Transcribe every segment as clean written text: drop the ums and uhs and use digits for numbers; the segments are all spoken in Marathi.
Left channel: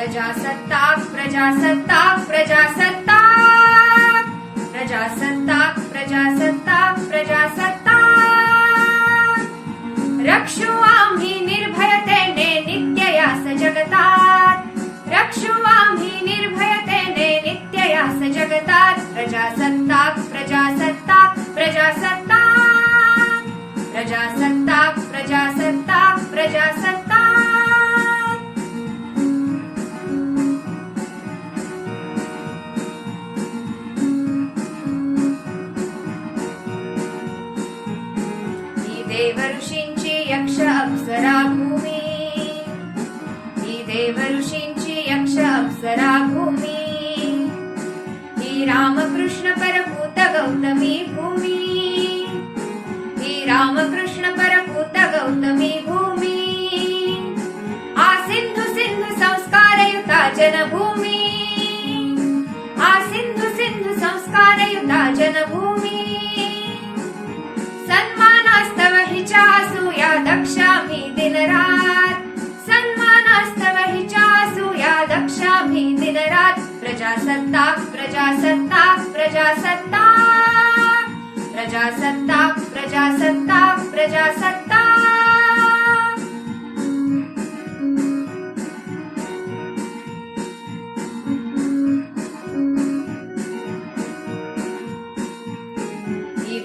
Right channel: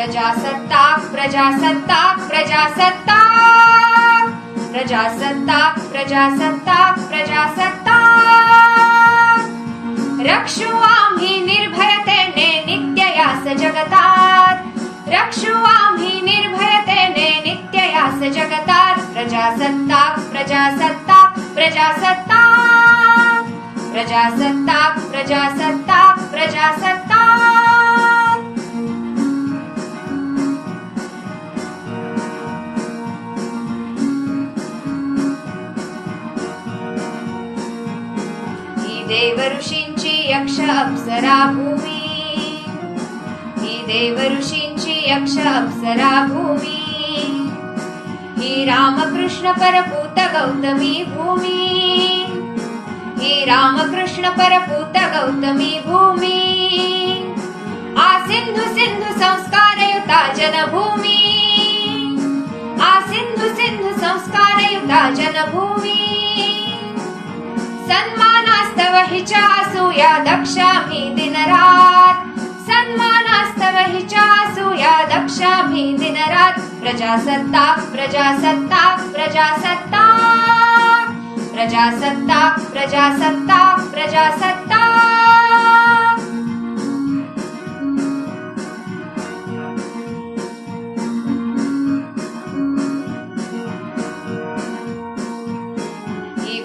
प्रजासत्ताक प्रजासत्ताक प्रजासत्ताक प्रजासत्ताक प्रजासत्ताक प्रजासत्ताक रक्षू आम्ही निर्भयतेने नित्य यास जगतात रक्षू आम्ही निर्भयतेने नित्य यास जगतात प्रजासत्ताक प्रजासत्ताक प्रजासत्ताक प्रजासत्ताक प्रजासत्ताक प्रजासत्ताक देवऋषींची यक्ष अप्सरा भूमी ही देवऋषींची यक्ष अप्सरा भूमी ही रामकृष्ण परपूत गौतमी भूमी ही रामकृष्ण परपूत गौतमी भूमी आ सिंधु सिंधु संस्कारयुता जनभूमी आ सिंधु सिंधु संस्कारयुता जनभूमी सन्मानास्तव हिच्या असूया दक्षा मी दिनरात सन्मानास्तव हिच्या असूया दक्षा मी दिनरात प्रजासत्ताक प्रजासत्ताक प्रजासत्ताक प्रजासत्ताक प्रजासत्ताक प्रजासत्ताक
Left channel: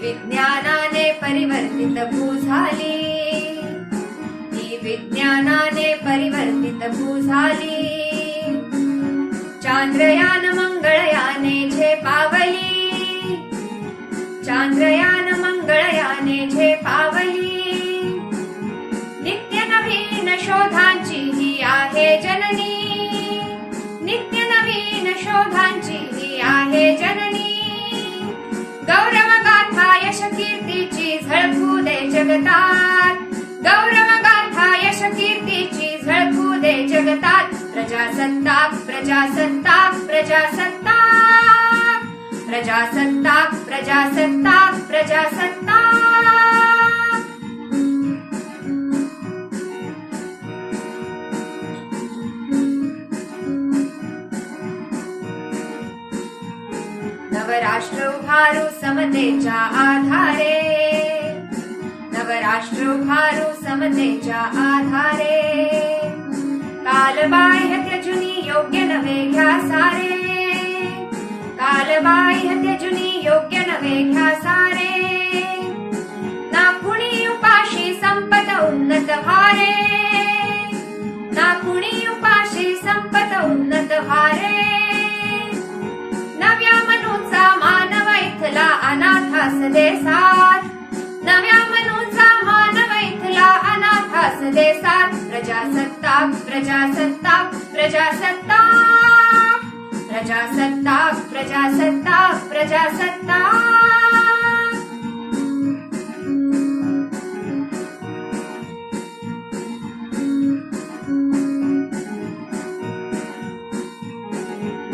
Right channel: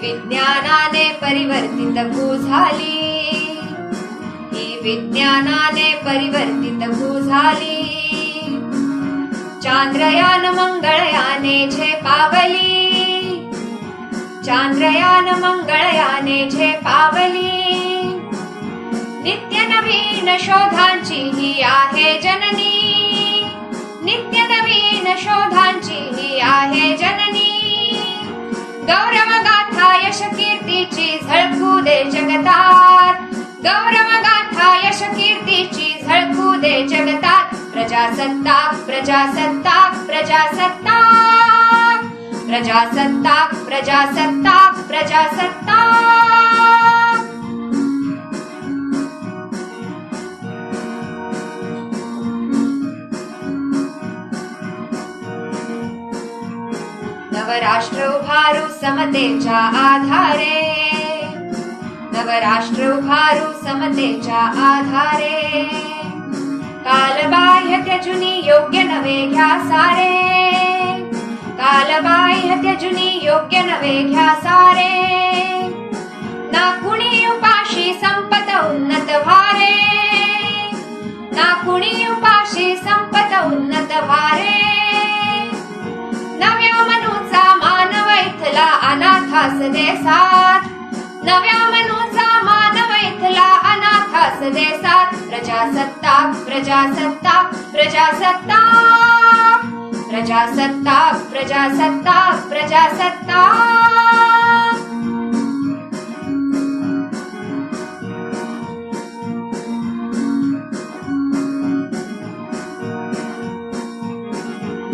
विज्ञानाने परिवर्तित भू झाली ही विज्ञानाने परिवर्तित भू झाली चांद्रयान मंगळयाने झेपावली चांद्रयान मंगळयाने झेपावली नित्य नवीन शोधांची ही आहे जननी नित्य नवीन शोधांची ही आहे जननी गौरव गाथा यश कीर्तीची झळकू दे जगतात गौरव गाथा यश कीर्तीची झळकू दे जगतात प्रजासत्ताक प्रजासत्ताक प्रजासत्ताक प्रजासत्ताक प्रजासत्ताक प्रजासत्ताक नवराष्ट्र उभारू समतेच्या आधारे नवराष्ट्र उभारू समतेच्या आधारे कालबाह्य त्यजुनी योग्य नवे घ्या सारे कालबाह्य त्यजुनी योग्य नवे घ्या सारे ना कुणी उपाशी संपत उन्नत भारे ना कुणी उपाशी संपत उन्नत भारे नव्या मनूचा मानव इथला अनाथास देसात नव्या मनूचा मानव इथला अनाथास देसात प्रजासत्ताक प्रजासत्ताक प्रजासत्ताक प्रजासत्ताक प्रजासत्ताक प्रजासत्ताक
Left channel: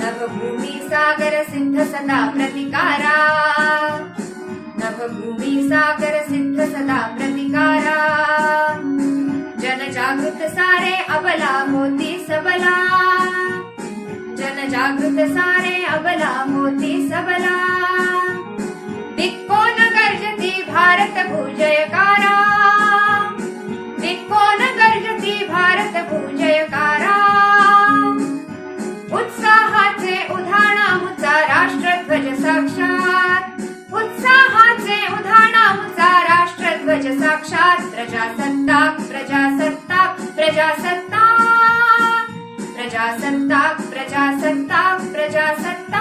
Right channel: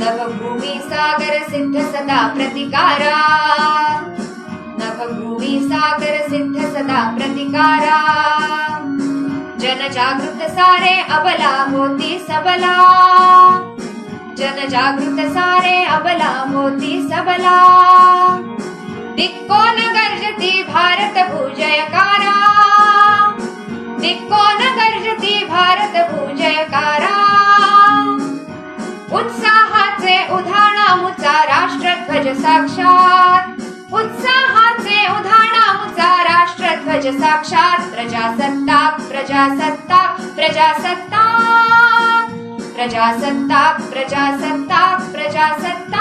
नवभूमी सागर सिद्ध सदा प्रतिकारा नवभूमी सागर सिद्ध सदा प्रतिकारा जनजागृत सारे अबला मोती सबला जनजागृत सारे अबला मोती सबला दिक्कोन गर्जती भारत भूजयकारा दिक्कोन गर्जती भारत भूजयकारा उत्साहाचे उधाणामुचा राष्ट्रध्वज साक्षात उत्साहाचे उधाणामुचा राष्ट्रध्वज साक्षात प्रजासत्ताक प्रजासत्ताक प्रजासत्ताक प्रजासत्ताक प्रजासत्ताक प्रजासत्ताक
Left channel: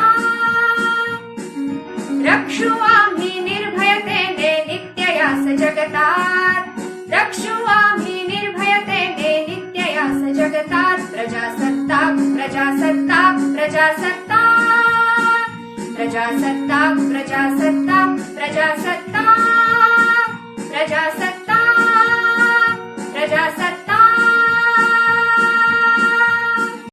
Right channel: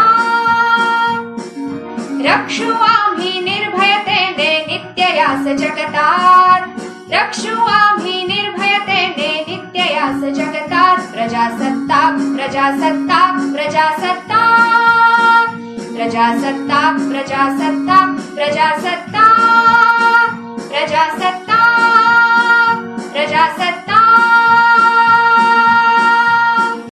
रक्षू आम्ही निर्भयतेने नित्य यास जगतात रक्षू आम्ही निर्भयतेने नित्य यास जगतात प्रजासत्ताक प्रजासत्ताक प्रजासत्ताक प्रजासत्ताक प्रजासत्ताक प्रजासत्ताक प्रजासत्ताक